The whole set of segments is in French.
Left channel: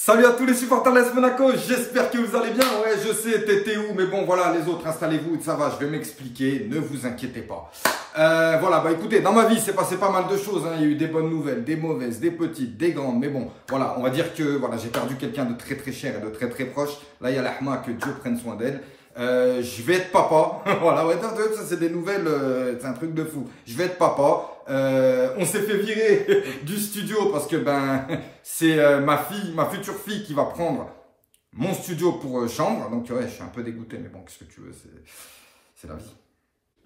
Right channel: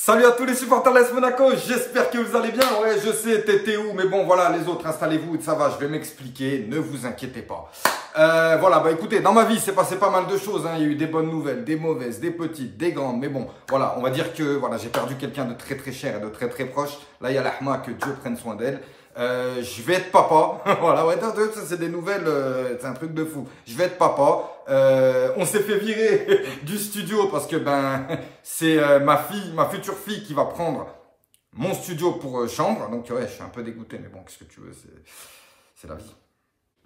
Salut à tous les supporters de l'AS Monaco, j'espère que vous allez bien. Ouais, je sais, t'étais où, mais bon, voilà, les autres, installez-vous, ça va, je vais m'expliquer, ne vous inquiétez pas. Voilà, bah écoutez, dans ma vie, c'est passé pas mal de choses, hein. Il y a eu des bonnes nouvelles, des mauvaises, des petites, des grandes, mais bon, voilà, on va dire que voilà, j'ai perdu quelqu'un de très très cher et de très très proche. Là, il y a l'Ahma, que Dieu prenne soin d'elle. Je vais être papa. Voilà, ouais, ça c'est des nouvelles, c'est un truc de fou. Je vais être papa. On s'est fait virer du studio parce que ben c'est ma future fille qui va prendre mon studio pour chambre. Donc ouais, je suis un peu dégoûté, mais bon, qu'est-ce que tu veux, c'est la vie.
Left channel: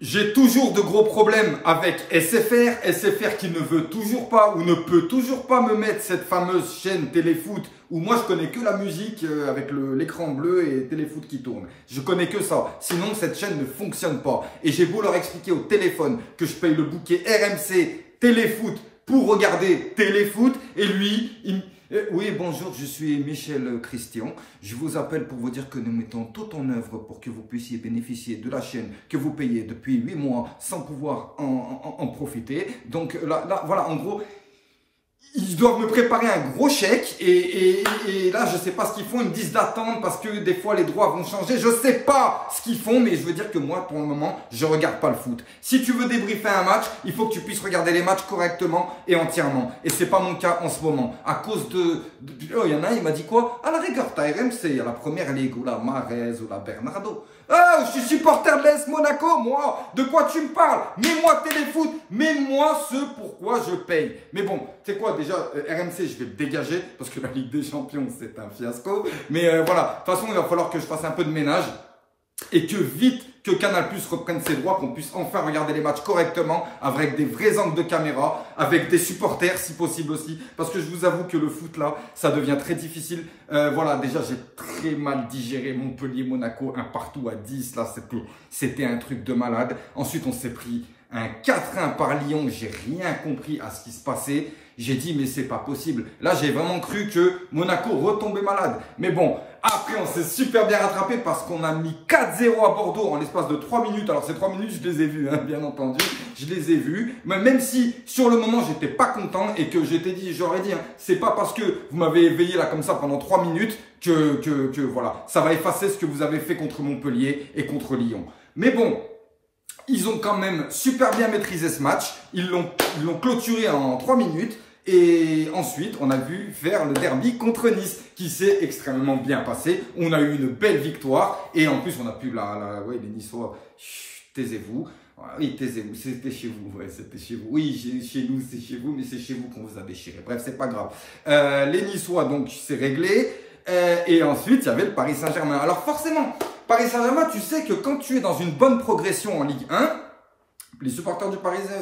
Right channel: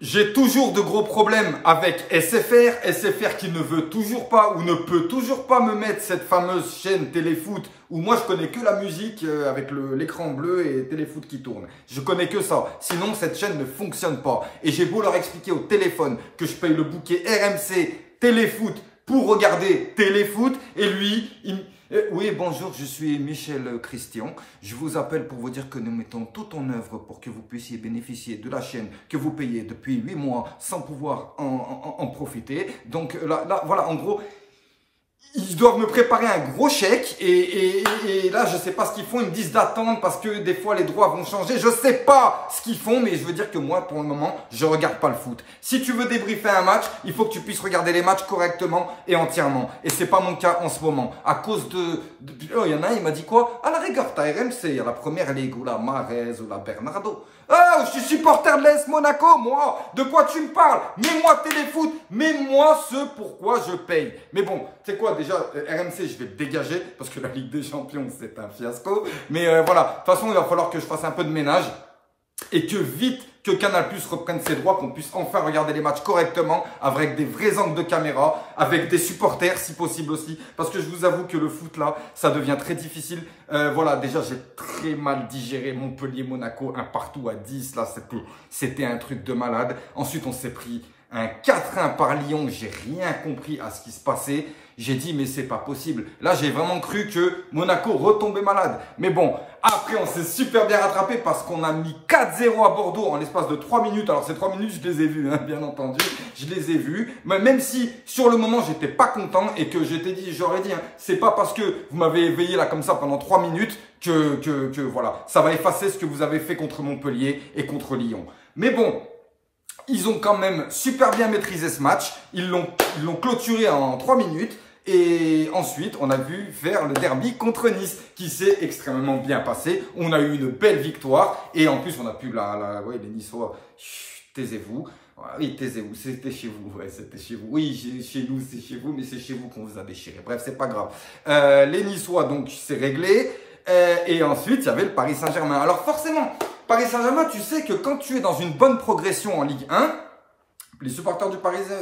J'ai toujours de gros problèmes avec SFR qui ne veut toujours pas ou ne peut toujours pas me mettre cette fameuse chaîne Téléfoot où moi je connais que la musique avec l'écran bleu et Téléfoot qui tourne. Je connais que ça, sinon cette chaîne ne fonctionne pas. Et j'ai beau leur expliquer au téléphone que je paye le bouquet RMC Téléfoot pour regarder Téléfoot et lui, oui, bonjour, je suis Michel Christian. Je vous appelle pour vous dire que nous mettons tout en œuvre pour que vous puissiez bénéficier de la chaîne que vous payez depuis 8 mois sans pouvoir en profiter. Donc là, voilà, en gros, ils doivent me préparer un gros chèque et là, je sais pas ce qu'ils font. Ils me disent d'attendre parce que des fois, les droits vont changer. Je sais pas ce qu'ils font, mais je veux dire que moi, pour le moment, je regarde pas le foot. Si tu veux débriefer un match, il faut que tu puisses regarder les matchs correctement et entièrement. Et c'est pas mon cas en ce moment. À cause oh, il y en a un, il m'a dit quoi? À la rigueur, t'as RMC, il y a la première ligue ou la Marez ou la Bernardo. Ah, je suis supporter de l'AS Monaco, moi. De quoi tu me parles? Mets-moi Téléfoot, mets-moi ce pourquoi je paye. Mais bon, c'est quoi déjà, RMC, je vais le dégager parce que la Ligue des Champions, c'est un fiasco. Mais voilà, de toute façon, il va falloir que je fasse un peu de ménage et que vite, que Canal+ reprenne ses droits, qu'on puisse enfin regarder les matchs correctement, avec des vrais angles de caméra, avec des supporters si possible aussi, parce que je vous avoue que le foot là, ça devient très difficile. Voilà, déjà j'ai très mal digéré Montpellier-Monaco, un partout à 10, là c'était un truc de malade. Ensuite on s'est pris un 4-1 par Lyon, j'ai rien compris à ce qui se passait. J'ai dit, mais c'est pas possible. Là, j'ai vraiment cru que Monaco retombait malade. Mais bon, après, on s'est super bien rattrapé parce qu'on a mis 4-0 à Bordeaux en l'espace de 3 minutes. Alors, ces 3 minutes, je les ai vues, hein, bien entendu. Je les ai vues. Mais même si, sur le moment, j'étais pas content et que j'aurais dit, hein, c'est pas parce que vous m'avez éveillé là comme ça pendant 3 minutes que voilà, ça va effacer ce que vous avez fait contre Montpellier et contre Lyon. Mais bon, ils ont quand même super bien maîtrisé ce match. Ils l'ont clôturé en 3 minutes. Et ensuite, on a vu faire le derby contre Nice, qui s'est extrêmement bien passé. On a eu une belle victoire. Et en plus, on a pu ouais, les Niçois, taisez-vous. Oui, taisez-vous, c'était chez vous. Ouais, c'était chez vous. Oui, chez nous, c'est chez vous, mais c'est chez vous qu'on vous a déchiré. Bref, c'est pas grave. Les Niçois, donc, c'est réglé. Et ensuite, il y avait le Paris Saint-Germain. Alors forcément, Paris Saint-Germain, tu sais que quand tu es dans une bonne progression en Ligue 1, les supporters du Parisien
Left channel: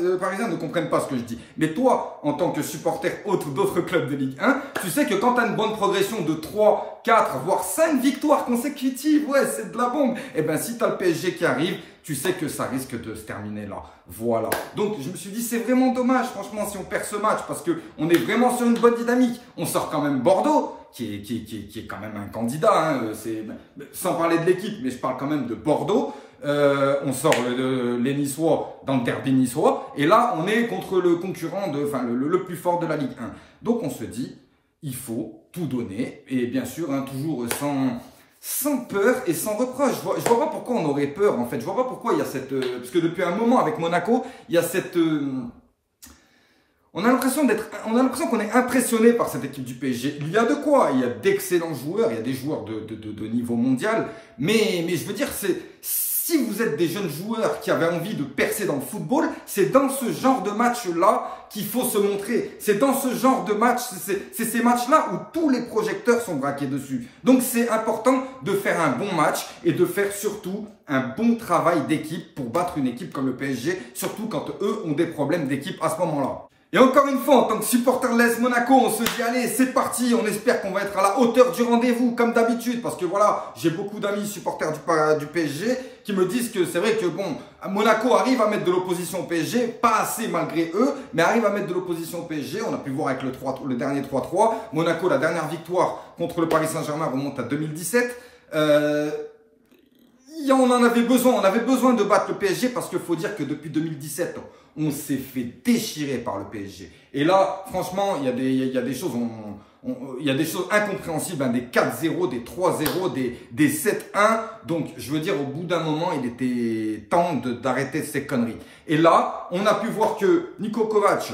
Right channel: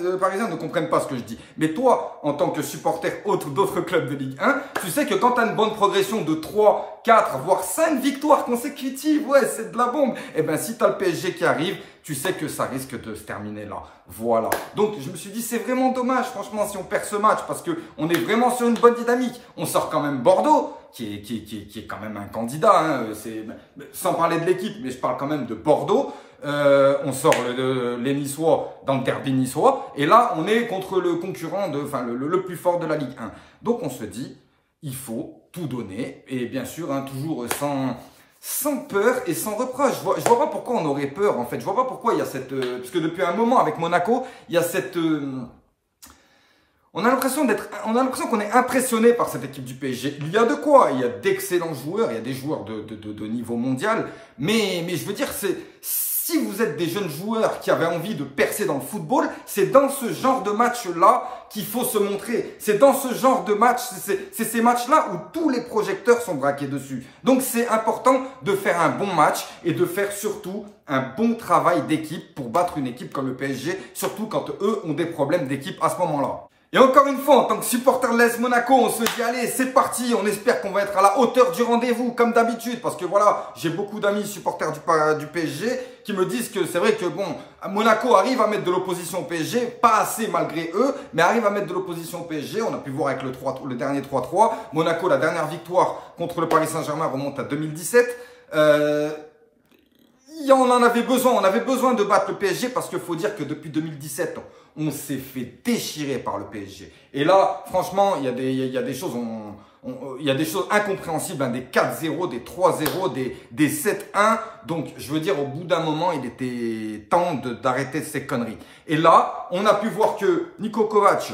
ne comprennent pas ce que je dis. Mais toi, en tant que supporter d'autres clubs de Ligue 1, tu sais que quand tu as une bonne progression de 3, 4, voire 5 victoires consécutives, ouais, c'est de la bombe. Et bien, si tu as le PSG qui arrive, tu sais que ça risque de se terminer là. Voilà. Donc, je me suis dit, c'est vraiment dommage, franchement, si on perd ce match, parce qu'on est vraiment sur une bonne dynamique. On sort quand même Bordeaux, qui est quand même un candidat, hein, sans parler de l'équipe, mais je parle quand même de Bordeaux. On sort les Niçois dans le derby niçois. Et là, on est contre le concurrent, le plus fort de la Ligue 1. Donc, on se dit, il faut tout donner. Et bien sûr, hein, toujours sans peur et sans reproche. Je vois pas pourquoi on aurait peur, en fait. Je vois pas pourquoi il y a cette... parce que depuis un moment, avec Monaco, il y a cette... on a l'impression qu'on est impressionné par cette équipe du PSG. Il y a de quoi. Il y a d'excellents joueurs. Il y a des joueurs de niveau mondial. Mais je veux dire, si vous êtes des jeunes joueurs qui avaient envie de percer dans le football, c'est dans ce genre de match-là qu'il faut se montrer. C'est dans ce genre de match, c'est ces matchs-là où tous les projecteurs sont braqués dessus. Donc, c'est important de faire un bon match et de faire surtout un bon travail d'équipe pour battre une équipe comme le PSG, surtout quand eux ont des problèmes d'équipe à ce moment-là. Et encore une fois, en tant que supporter de l'AS Monaco, on se dit, allez, c'est parti, on espère qu'on va être à la hauteur du rendez-vous, comme d'habitude, parce que voilà, j'ai beaucoup d'amis supporters du PSG qui me disent que c'est vrai que bon, Monaco arrive à mettre de l'opposition au PSG, pas assez malgré eux, mais arrive à mettre de l'opposition au PSG. On a pu voir avec le dernier 3-3. Monaco, la dernière victoire contre le Paris Saint-Germain remonte à 2017. on en avait besoin. On avait besoin de battre le PSG parce qu'il faut dire que depuis 2017, on s'est fait déchirer par le PSG. Et là, franchement, il y a des choses, il y a des choses incompréhensibles, hein, des 4-0, des 3-0, des 7-1. Donc, je veux dire, au bout d'un moment, il était temps d'arrêter ces conneries. Et là, on a pu voir que Niko Kovac,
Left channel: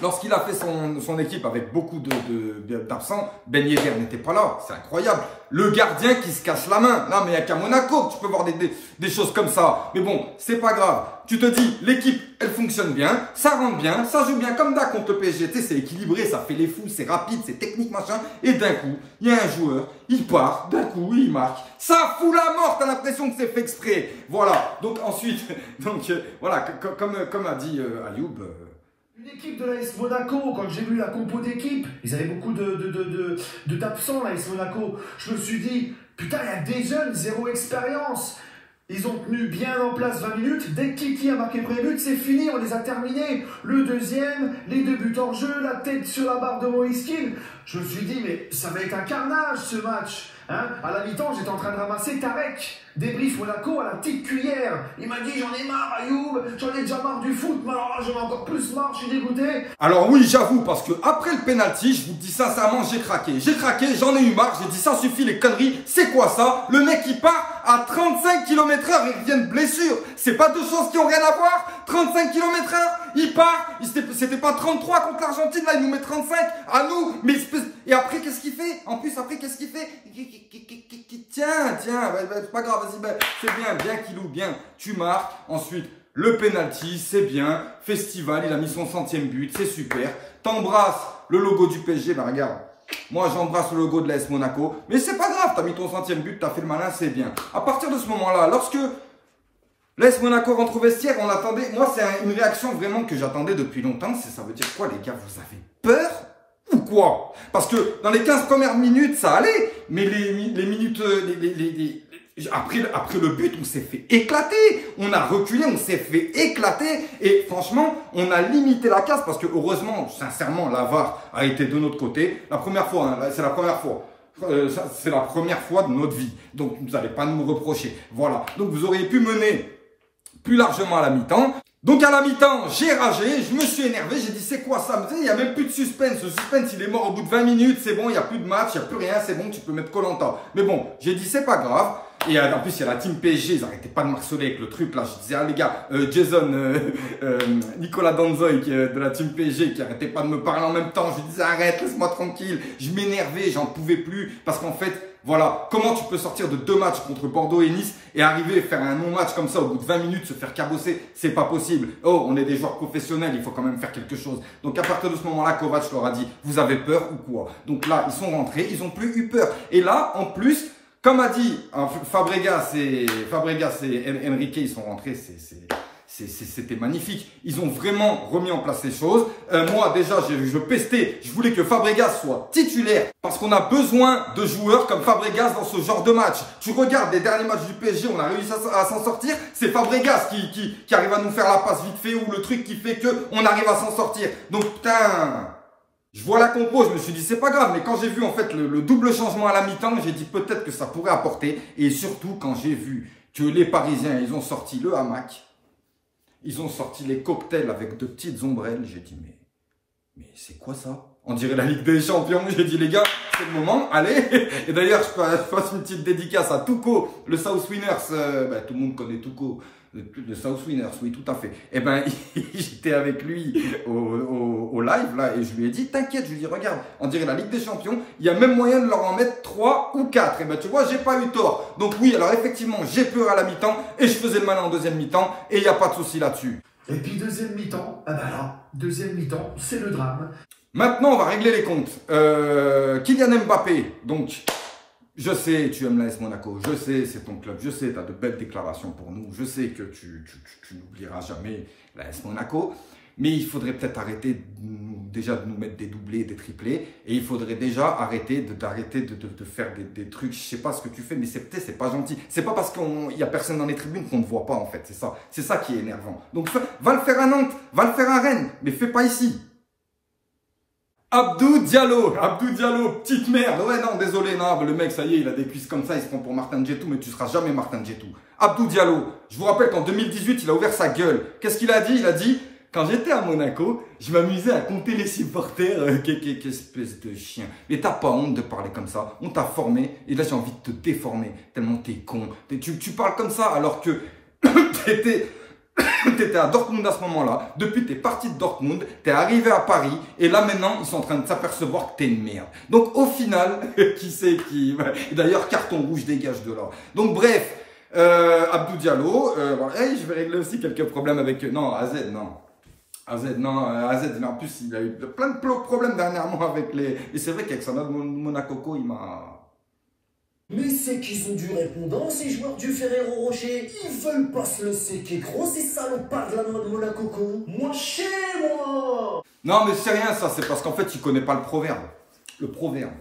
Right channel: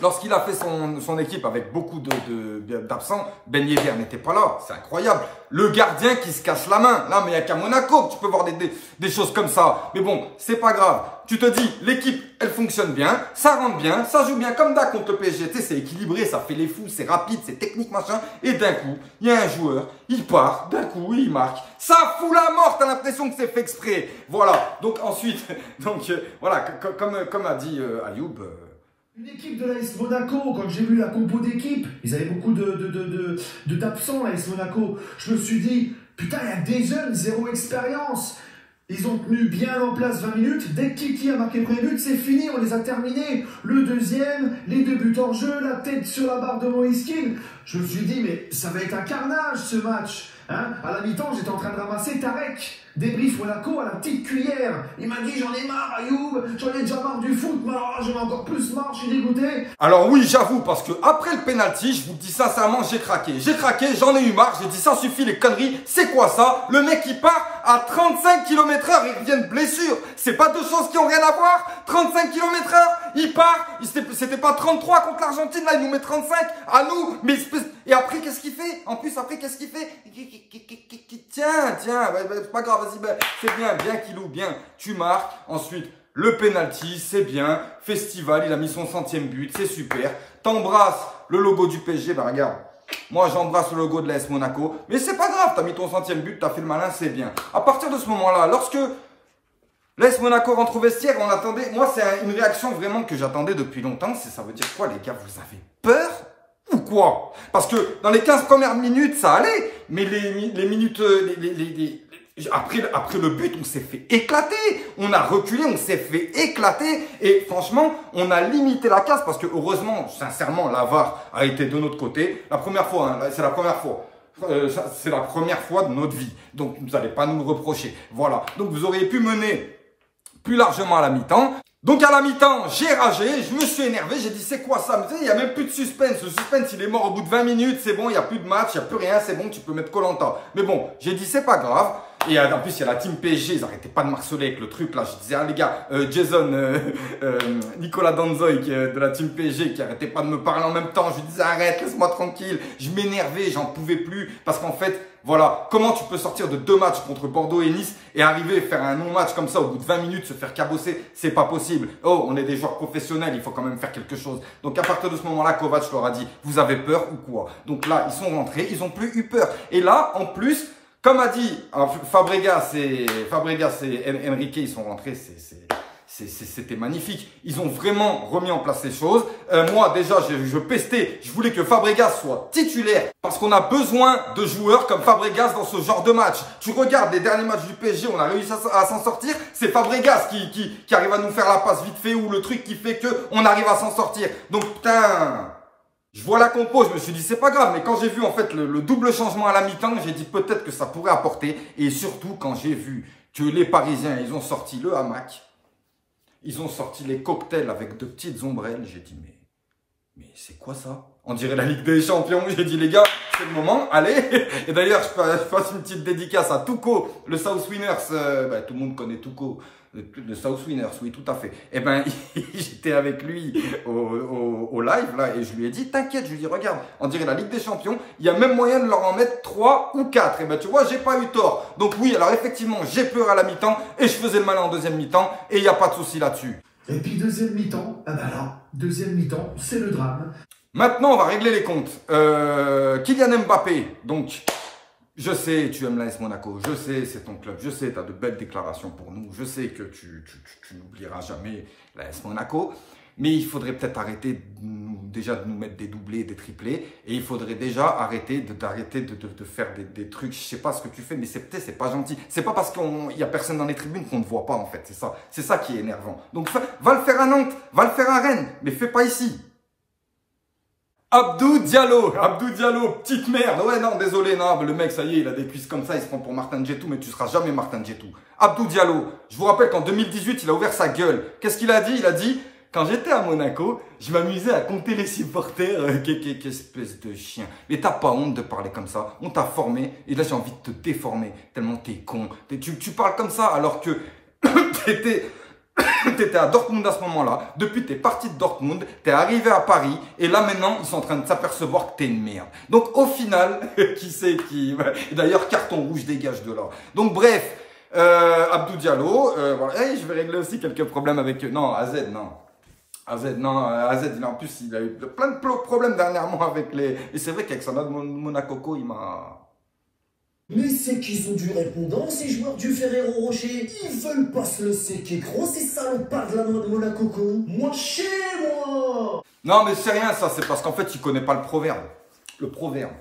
lorsqu'il a fait son équipe avec beaucoup d'absents, Ben Yedder n'était pas là. C'est incroyable. Le gardien qui se casse la main. Là, mais il n'y a qu'à Monaco que tu peux voir des choses comme ça. Mais bon, c'est pas grave. Tu te dis, l'équipe, elle fonctionne bien, ça rentre bien, ça joue bien comme d'hab contre le PSG. Tu sais, c'est équilibré, ça fait les fous, c'est rapide, c'est technique, machin. Et d'un coup, il y a un joueur, il part, d'un coup, il marque. Ça fout la mort, t'as l'impression que c'est fait exprès. Voilà. Donc ensuite, voilà, comme a dit Ayoub, une équipe de l'AS Monaco, quand j'ai vu la compo d'équipe, ils avaient beaucoup d'absents, l'AS Monaco. Je me suis dit, putain, il y a des jeunes, zéro expérience. Ils ont tenu bien en place 20 minutes. Dès que Kiki a marqué le premier but, c'est fini, on les a terminés. Le deuxième, les 2 buts en jeu, la tête sur la barre de Moïse Kean. Je me suis dit, mais ça va être un carnage ce match. Hein, à la mi-temps, j'étais en train de ramasser Tarek, débrief Monaco à la petite cuillère. Il m'a dit, j'en ai marre, Ayoub, j'en ai déjà marre du foot, mais alors là, j'en ai encore plus marre, je suis dégoûté. Alors oui, j'avoue, parce que après le penalty, je vous dis sincèrement, j'ai craqué. J'ai craqué, j'en ai eu marre, j'ai dit, ça suffit les conneries. C'est quoi ça? Le mec, il part à 35 km/h, il revient de blessure. C'est pas deux choses qui ont rien à voir. 35 km/h, il part. C'était pas 33 contre l'Argentine, là, il nous met 35 à nous. Mais, et après, qu'est-ce qu'il fait? En plus, après, qu'est-ce qu'il fait? Tiens, c'est pas grave, vas-y, c'est bien Kilou, bien, tu marques. Ensuite, le penalty, c'est bien. Festival, il a mis son 100e but, c'est super. T'embrasses le logo du PSG, bah regarde. Moi, j'embrasse le logo de l'AS Monaco. Mais c'est pas grave, t'as mis ton 100e but, t'as fait le malin, c'est bien. À partir de ce moment-là, lorsque l'AS Monaco rentre au vestiaire, on attendait. Moi, c'est une réaction vraiment que j'attendais depuis longtemps. Ça veut dire quoi, les gars? Vous avez peur ou quoi? Parce que dans les 15 premières minutes, ça allait. Mais les minutes, après le but, on s'est fait éclater. On a reculé, on s'est fait éclater. Et franchement, on a limité la casse parce que heureusement, sincèrement, la VAR a été de notre côté. La première fois, hein, c'est la première fois. C'est la première fois de notre vie. Donc, vous n'allez pas nous reprocher. Voilà. Donc, vous auriez pu mener plus largement à la mi-temps. Donc à la mi-temps, j'ai ragé, je me suis énervé, j'ai dit c'est quoi ça? Il n'y a même plus de suspense, le suspense il est mort au bout de 20 minutes, c'est bon, il n'y a plus de match, il n'y a plus rien, c'est bon, tu peux mettre Koh-Lanta. Mais bon, j'ai dit c'est pas grave. Et en plus, il y a la team PSG, ils n'arrêtaient pas de marceler avec le truc là. Je disais, ah les gars, Jason, Nicolas Danzoy de la team PSG qui n'arrêtait pas de me parler en même temps. Je disais, arrête, laisse-moi tranquille. Je m'énervais, j'en pouvais plus. Parce qu'en fait, voilà, comment tu peux sortir de 2 matchs contre Bordeaux et Nice et arriver à faire un non-match comme ça au bout de 20 minutes, se faire cabosser? C'est pas possible. Oh, on est des joueurs professionnels, il faut quand même faire quelque chose. Donc à partir de ce moment-là, Kovac leur a dit, vous avez peur ou quoi? Donc là, ils sont rentrés, ils n'ont plus eu peur. Et là, en plus, comme a dit Fabregas et Enrique, ils sont rentrés, c'était magnifique. Ils ont vraiment remis en place ces choses. Moi, déjà, je pestais. Je voulais que Fabregas soit titulaire parce qu'on a besoin de joueurs comme Fabregas dans ce genre de match. Tu regardes les derniers matchs du PSG, on a réussi à s'en sortir. C'est Fabregas qui arrive à nous faire la passe vite fait ou le truc qui fait qu'on arrive à s'en sortir. Donc, putain... Je vois la compo, je me suis dit c'est pas grave, mais quand j'ai vu en fait le double changement à la mi-temps, j'ai dit peut-être que ça pourrait apporter. Et surtout quand j'ai vu que les Parisiens, ils ont sorti le hamac, ils ont sorti les cocktails avec de petites ombrelles, j'ai dit mais c'est quoi ça? On dirait la Ligue des Champions. J'ai dit les gars, c'est le moment, allez. Et d'ailleurs, je passe une petite dédicace à Tuco, le South Winners. Tout le monde connaît Tuco. Le South Winners, oui, tout à fait. Et ben, j'étais avec lui au live, là, et je lui ai dit, t'inquiète, je lui ai dit, regarde, on dirait la Ligue des Champions, il y a même moyen de leur en mettre 3 ou 4. Et ben, tu vois, j'ai pas eu tort. Donc oui, alors effectivement, j'ai peur à la mi-temps, et je faisais le malin en deuxième mi-temps, et il n'y a pas de souci là-dessus. Et puis deuxième mi-temps, ah bah là, deuxième mi-temps, c'est le drame. Maintenant, on va régler les comptes. Kylian Mbappé, donc... Je sais, tu aimes l'AS Monaco, je sais, c'est ton club, je sais, tu as de belles déclarations pour nous, je sais que tu n'oublieras jamais l'AS Monaco, mais il faudrait peut-être arrêter déjà de nous mettre des doublés, des triplés, et il faudrait déjà arrêter de faire des trucs, je sais pas ce que tu fais, mais c'est pas gentil. C'est pas parce qu'il y a personne dans les tribunes qu'on ne voit pas en fait, c'est ça qui est énervant. Donc va le faire à Nantes, va le faire à Rennes, mais fais pas ici. Abdou Diallo, petite merde. Ouais, non, désolé, non, le mec, ça y est, il a des cuisses comme ça, il se prend pour Martin Djetou, mais tu seras jamais Martin Djetou. Abdou Diallo, je vous rappelle qu'en 2018, il a ouvert sa gueule. Qu'est-ce qu'il a dit? Il a dit, quand j'étais à Monaco, je m'amusais à compter les supporters. Quelle espèce de chien. Mais t'as pas honte de parler comme ça. On t'a formé, et là, j'ai envie de te déformer, tellement t'es con. Tu parles comme ça, alors que t'étais à Dortmund à ce moment-là, depuis t'es parti de Dortmund, t'es arrivé à Paris, et là maintenant, ils sont en train de s'apercevoir que t'es une merde. Donc au final, qui c'est qui... D'ailleurs, carton rouge, dégage de là. Donc bref, Abdou Diallo, voilà. Hey, je vais régler aussi quelques problèmes avec... Non, AZ, non. AZ, en plus, il a eu plein de problèmes dernièrement avec les... Et c'est vrai qu'avec son autre Monaco, il m'a... Mais c'est qu'ils ont du répondant, ces joueurs du Ferrero Rocher. Ils veulent pas se le séquer, gros, ces salopards de la noix de Monaco. Moi, chez moi. Non, mais c'est rien, ça. C'est parce qu'en fait, il connaît pas le proverbe. Le proverbe.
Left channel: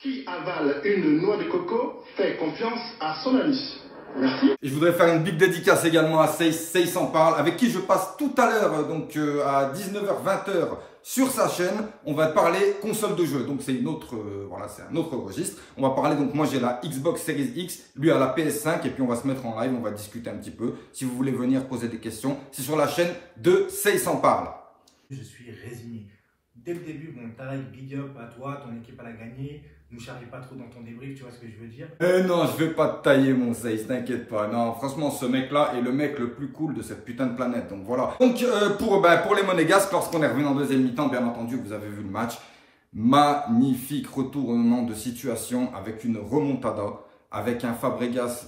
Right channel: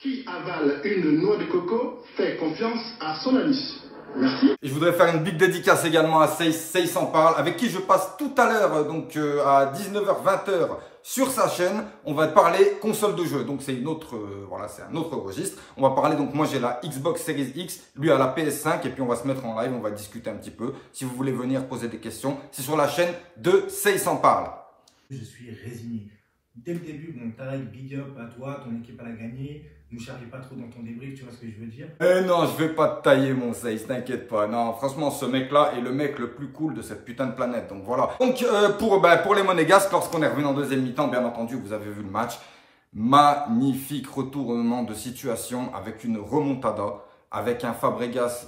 Qui avale une noix de coco fait confiance à son ami. Merci. Et je voudrais faire une big dédicace également à Seis en parle, avec qui je passe tout à l'heure, donc à 19h, 20h sur sa chaîne. On va parler console de jeu, donc c'est une autre, voilà, c'est un autre registre. On va parler, donc moi j'ai la Xbox Series X, lui a la PS5, et puis on va se mettre en live, on va discuter un petit peu. Si vous voulez venir poser des questions, c'est sur la chaîne de Seis en parle. Je suis résigné. Dès le début, bon, taille, big up à toi, ton équipe a gagné. Ne charge pas trop dans ton débrief, tu vois ce que je veux dire? Non, je vais pas te tailler mon Seis, t'inquiète pas. Non, franchement, ce mec-là est le mec le plus cool de cette putain de planète. Donc voilà. Donc pour les Monégasques, lorsqu'on est revenu en deuxième mi-temps, bien entendu, vous avez vu le match. Magnifique retournement de situation avec une remontada, avec un Fabregas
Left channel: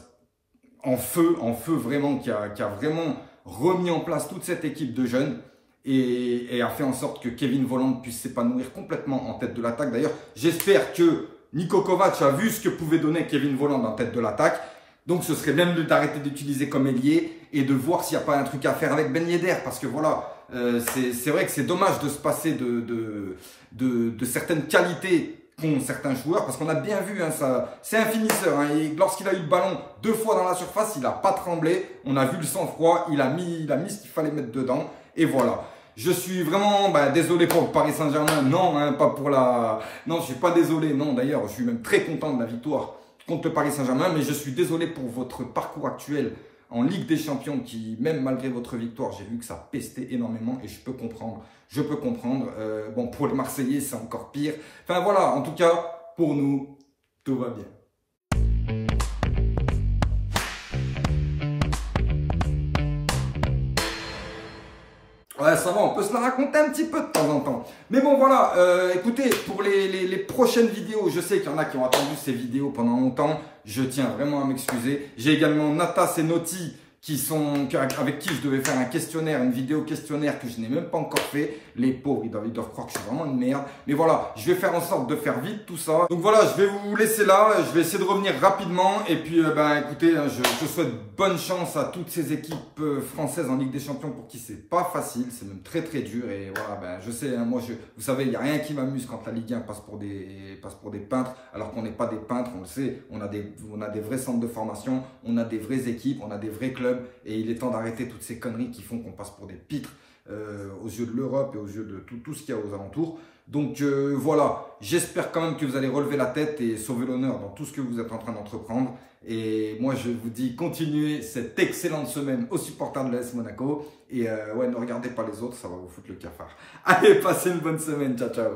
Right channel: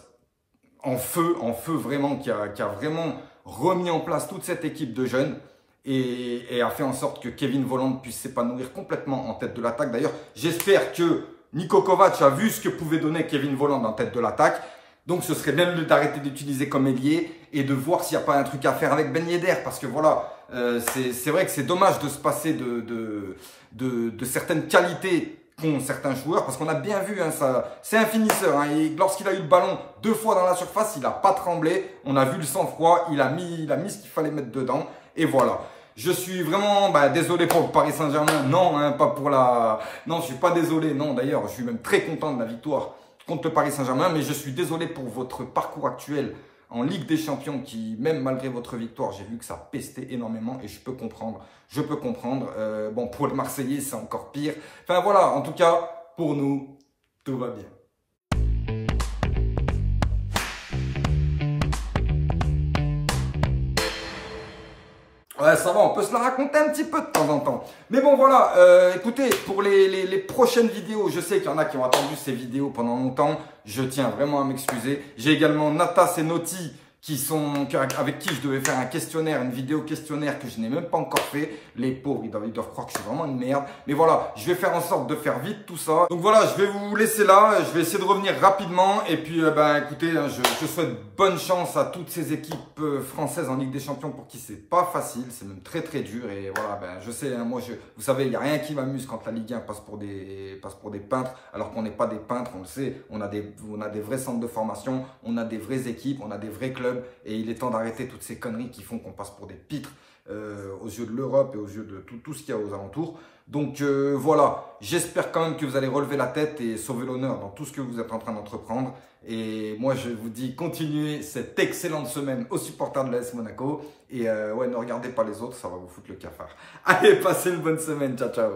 en feu vraiment, qui a vraiment remis en place toute cette équipe de jeunes. Et a fait en sorte que Kevin Volland puisse s'épanouir complètement en tête de l'attaque. D'ailleurs, j'espère que Niko Kovac a vu ce que pouvait donner Kevin Volland en tête de l'attaque. Donc, ce serait bien d'arrêter d'utiliser comme ailier et de voir s'il n'y a pas un truc à faire avec Ben Yedder. Parce que voilà, c'est vrai que c'est dommage de se passer de certaines qualités qu'ont certains joueurs. Parce qu'on a bien vu, hein, c'est un finisseur. Hein, et lorsqu'il a eu le ballon 2 fois dans la surface, il n'a pas tremblé. On a vu le sang-froid, il a mis ce qu'il fallait mettre dedans. Et voilà. Je suis vraiment désolé pour le Paris Saint-Germain. Non, hein, pas pour la... Non, je suis pas désolé. Non, d'ailleurs, je suis même très content de la victoire contre le Paris Saint-Germain. Mais je suis désolé pour votre parcours actuel en Ligue des Champions qui, même malgré votre victoire, j'ai vu que ça pestait énormément et je peux comprendre. Bon, pour le Marseillais, c'est encore pire. Enfin, voilà. En tout cas, pour nous, tout va bien. Ouais, ça va, on peut se la raconter un petit peu de temps en temps. Mais bon, voilà, écoutez, pour les prochaines vidéos, je sais qu'il y en a qui ont attendu ces vidéos pendant longtemps. Je tiens vraiment à m'excuser. J'ai également Natas et Noti avec qui je devais faire un questionnaire, une vidéo questionnaire que je n'ai même pas encore fait. Les pauvres, ils doivent croire que je suis vraiment une merde. Mais voilà, je vais faire en sorte de faire vite tout ça. Donc voilà, je vais vous laisser là. Je vais essayer de revenir rapidement. Et puis, écoutez, je souhaite bonne chance à toutes ces équipes françaises en Ligue des Champions pour qui c'est pas facile. C'est même très très dur. Et voilà, je sais, hein, moi, vous savez, il n'y a rien qui m'amuse quand la Ligue 1 passe pour des peintres. Alors qu'on n'est pas des peintres, on le sait. On a des vrais centres de formation. On a des vraies équipes. On a des vrais clubs. Et il est temps d'arrêter toutes ces conneries qui font qu'on passe pour des pitres aux yeux de l'Europe et aux yeux de tout ce qu'il y a aux alentours. Donc voilà, j'espère quand même que vous allez relever la tête et sauver l'honneur dans tout ce que vous êtes en train d'entreprendre. Et moi, je vous dis, continuez cette excellente semaine aux supporters de l'AS Monaco. Et ouais, ne regardez pas les autres, ça va vous foutre le cafard. Allez, passez une bonne semaine. Ciao, ciao.